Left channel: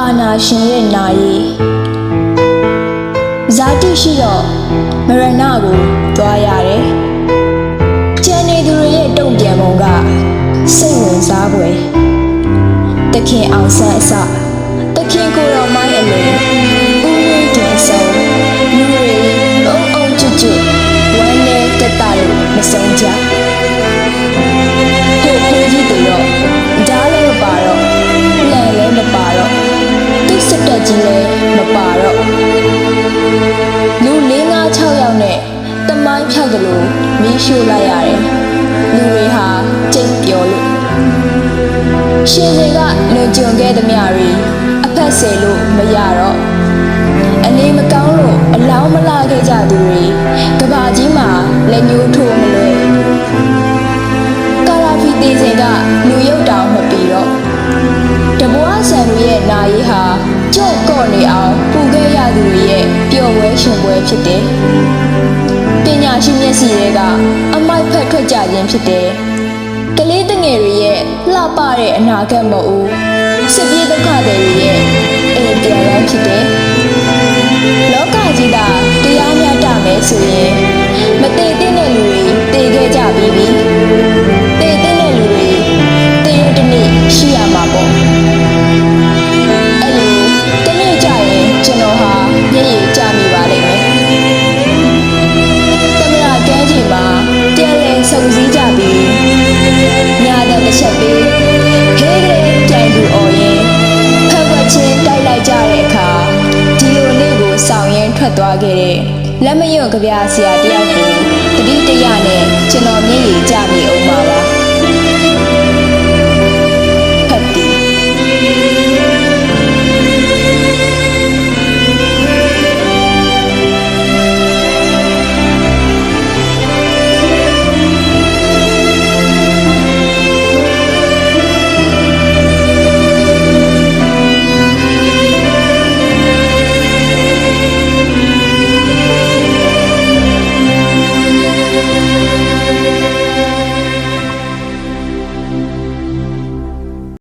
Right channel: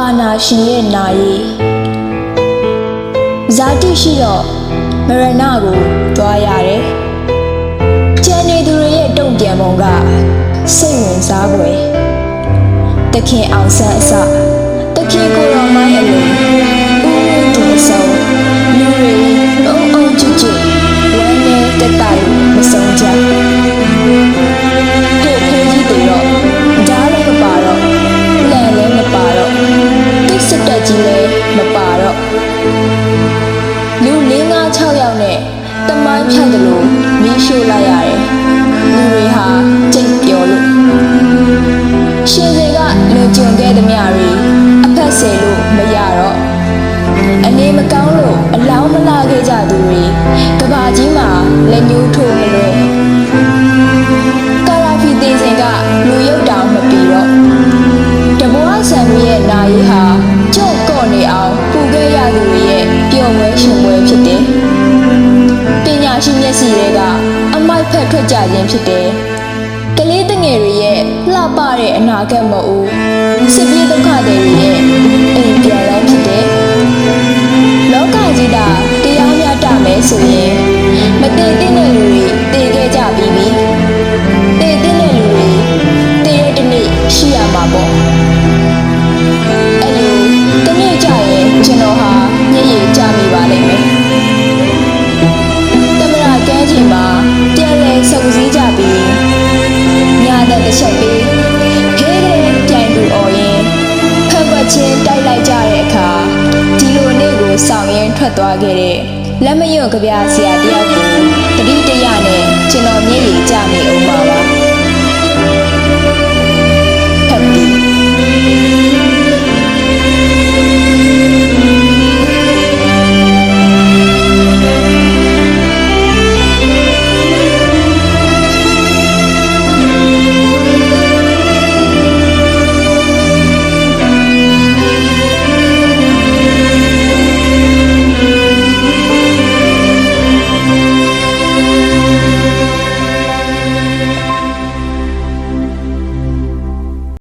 အာနာရှင်ရဲ့နာရီဇာတိရှိတော့မရဏကိုသွားရတယ်ကျန်နေသူတွေရဲ့တုံ့ပြန်ပုံကစိတ်ဝင်စားဖွယ်တခင်အောင်ဆန်းအစတခင်ကိုတော်မိုင်းအလိုဦးဝင်းတင်အစုံလူတွေအုံအုံကျွတ်ကျွတ်ဝမ်းနဲ့တက်တာလို့မဆုံးကြ က်ကြီးလည်းမပါတော့လူ၄၅6ယောက်နဲ့တမိုင်းဖြောက်တယ်လို့မီးရှို့လိုက်ရတယ်လူတွေဟာကြိတ်ပြောလို့ရှင်စင်ကလွန်ကျွံခဲ့သမျှတွေအဖက်ဆယ်လို့မရတော့အနေမကောင်းလို့အလောင်းမလာခဲ့ကြသူတွေကဘာကြီးမှာလက်ညှိုးထိုးမလွယ်ကာရာဖီသေးစင်ကလူရုပ်တောင်မပီတော့တဘွားဆန်တွေရဲ့နာရီဟာ ကြော့ကော့နေအောင်ပူခဲ့ရသူတွေရဲ့ပျော်ပွဲရှင်ပွဲဖြစ်တယ်ပညာရှိမျက်စိတွေကအမိုက်ဖက်ထွက်ကြခြင်းဖြစ်တယ်ကလေးတငယ်တွေရဲ့လှပတဲ့အနာဂတ်မဟုတ်ဘူးစစ်ပြေးဒုက္ခတွေရဲ့အိမ်ပြန်လန်းဖြစ်တယ်လောကကြီးတာတရားမျှတမယ်ဆိုရင်မတည်တဲ့လူတွေတည်ခဲ့ကြပြီးပြီတည်တဲ့လူတွေတည်ရတဲ့နေ့ရှိရမှာပေါ့ ပြီးညာတဲ့တစ်ချက်ပေးဖေးကလေးပြိုင်သူអော်ရင်ဖက်ွက်ချင်းတိုက်လိုက်ကြတဲ့အခါဒီလိုနေ့ကိုဆောင်ရင်ထွက်သွားခဲ့တဲ့လက်မယွန့်ကြပြဆရာတယောက်ကိုတတိတရနဲ့ကျွန်တော်မျက်ရည်ကျမိအောင်ပါပါ